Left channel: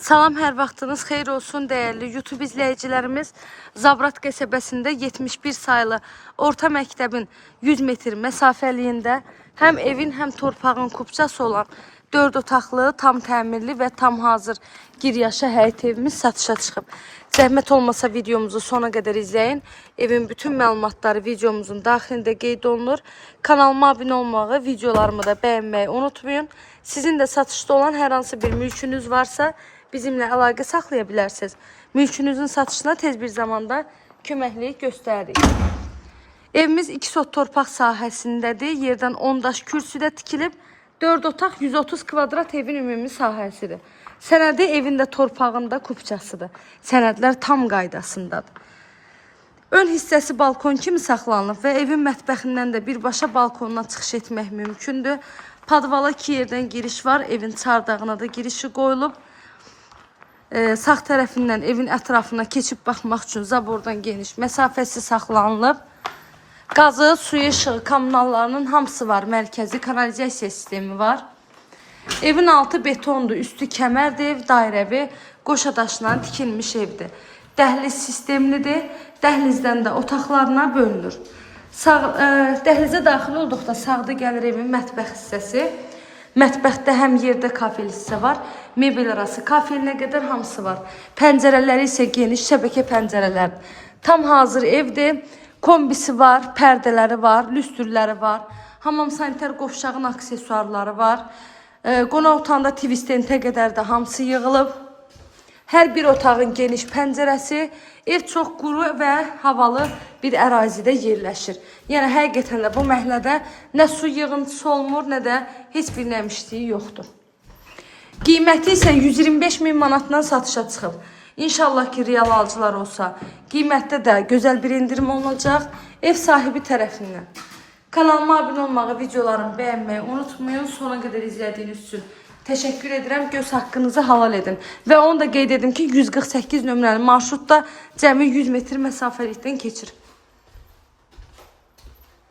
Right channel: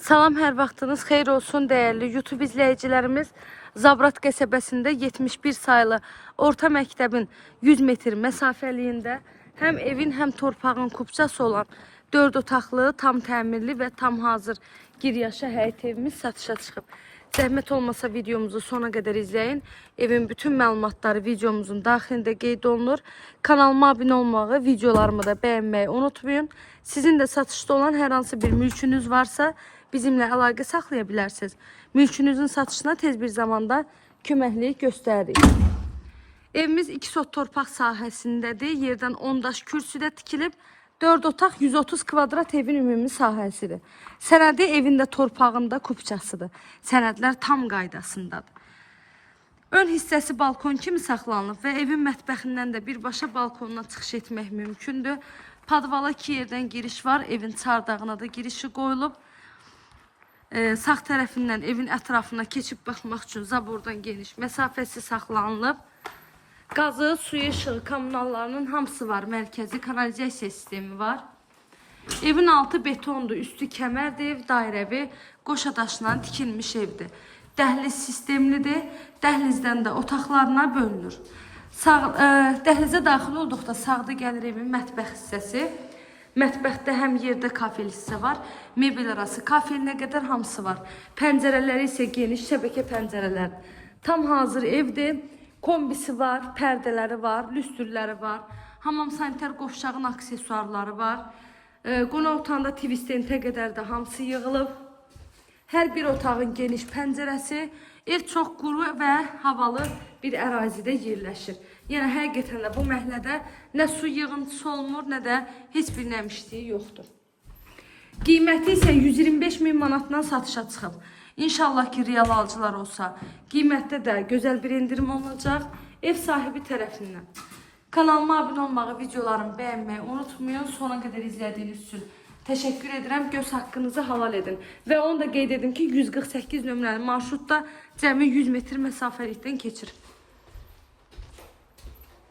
Salam, hər vaxtınız xeyir olsun değerli YouTube izləyicilərimiz. Zabrat qəsəbəsində 71 sayılı orta məktəbin 100 metr məsafəliyində həm evin, həm torpağın kupçası olan 4 otaqlı, tam təmirli və tam hazır giryaşa həyət evimiz satışa çıxıb. Zəhmət olmasa videomuzu sona qədər izləyin. Evin bütün məlumatları videomuzun daxilində qeyd olunur. Kanalıma abunə olmağı, videolarımı da bəyənməyi unutmayın. Sizin də satışda olan hər hansı bir mülkünüz varsa bizimlə əlaqə saxlaya bilərsiniz. Mülkünüzün satışına tez bir zamanda köməklik göstəririk. Evimiz 2 sot torpaq sahəsindədir. Yerdən 10 daş kürsüdə tikilib. 4 otaq 130 kvadrat evin ümumi sahəsidir. Sənədi evində torpağında kupçasıdır. Sənədlər tam qaydasındadır. Ön hissəsi balkon kimi saxlanılıb və evin mətbəxindən də birbaşa balkonuna çıxış etmək mümkündür. Padvala 2 yerdən giriş var. Evin çardağına da girişi qoyulub. Sağ tərəfindən evin ətrafına keçib baxmaq üçün zabordan geniş məsafəsi saxlanılıb. Qazı, suyu, işığı, kommunallarının hamısı var. Mərkəzi kanalizasiya sistemi var. Evin altı betondur, üstü kəmərdir, ev dairəvi, qoşa daşla tikilmiş evdir. Dəhliz sistemlidir, dəhlizdən də otaqlarına bölünür. Dəhlizə daxil olduqda sağda gəlir evin mətbəx hissəsi. Mətbəxdə həm yerdə kafel hissə var, mebel arası kafelinə qədər hamısı var. Pəncərələri isə geniş şəbəkə pəncərələrdir. Tam hazır evdir, kombisi var, pərdələri var, lüstrləri var, hamam sanitar qovşağın aksesuarları var. Qonaq otağında TV stentə qədər də hamısı yığılıb. Hər bir otağın geniş pəncərəsi, ev çox quru və havalı bir ərazidə yerləşir. Yəni həqiqətən də bu məhəllədə nə su yığıntısı olmur, nə də heç bir nəmişliyi yoxdur. Qiyməti isə 125 min manatdan satışa çıxıb. İnşallah ki, real alıcılar olsa, qiymətdə də gözəl bir indirim olacaq ev sahibi tərəfindən. Kanalıma abunə olmağı, videolarımı bəyənməyi unutmayın. Sona qədər izlədiyiniz üçün təşəkkür edirəm. Göz haqqınızı halal edin. Və onu da qeyd edim ki, 148 nömrəli marşrutda cəmi 100 metr məsafəlikdən keçir.